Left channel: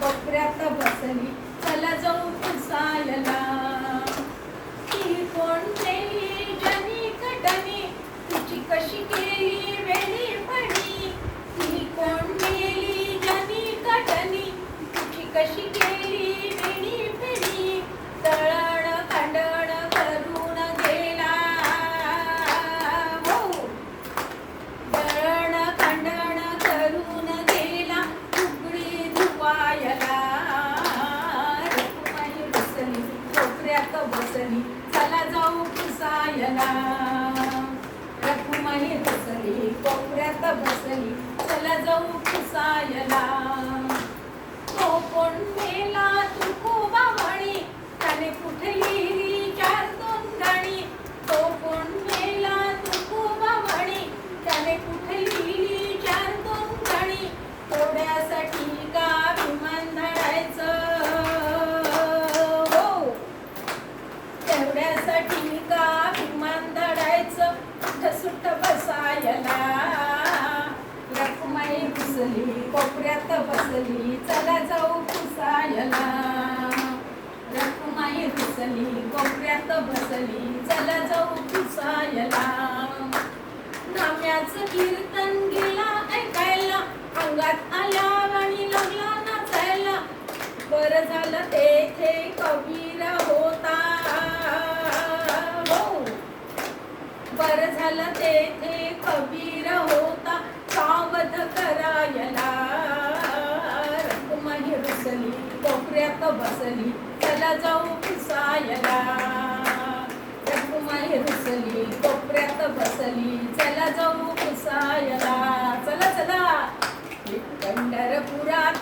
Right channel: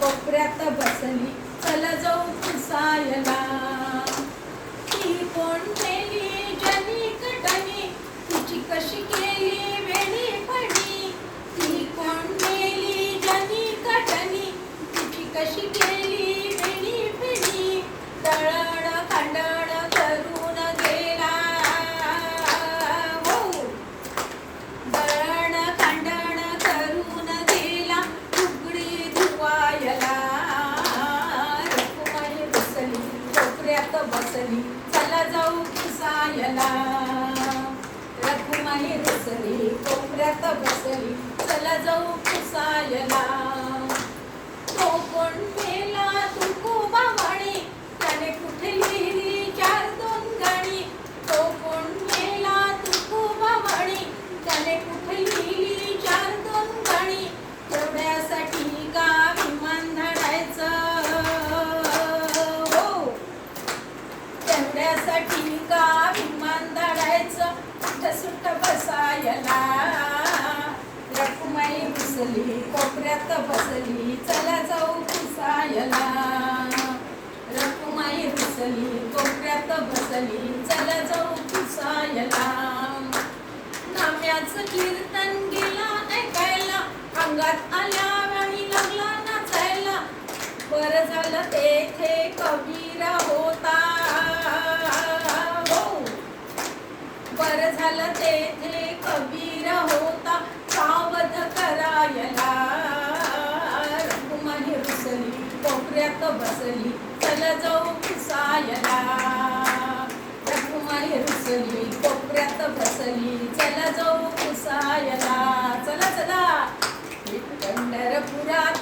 कोपऱ्यात बसली, चला जाऊ पुसायला. ती कोण मेली जनी कटणी, तिची कशी केली वेळी पडी. ती कोण मेली जनी कटणी, तिची कशी केली वेळी पिढी. दळण कांडण करून गेला, हो दळण कांडण करून गेला, उघडी धुवायला. रखुमाई बसली, कोपऱ्यात बसली, चला जाऊ पुसायला. रखुमाई बसली, कोपऱ्यात बसली, चला जाऊ पुसायला. तो कोण मेला तुकोबावाणी, त्याने कुठे लिहिली 4-2 गाणी. तो कोण मेला तुकोबावाणी, त्याने कुठे लिहिली 4-2 गाणी. तेवढ्यासाठी का विमान धाडायचं, हो तेवढ्यासाठी का विमान धाडायचं, सुट्ट बसायला. रखुमाई बसली, कोपऱ्यात बसली, चला जाऊ पुसायला. रखुमाई बसली, कोपऱ्यात बसली, चला जाऊ पुसायला. नाम्याचं कीर्तन गेला ऐकायला, अंगात आल्या वाणी लागला नाचायला. बरं झालं तेथे कबीर होता, हो बरं झालं तेथे कबीर होता, सावध करायला. रखुमाई बसली, कोपऱ्यात बसली, चला जाऊ पुसायला. रखुमाई बसली, कोपऱ्यात बसली, चला जाऊ पुसायला. चला चला पंढरपुरात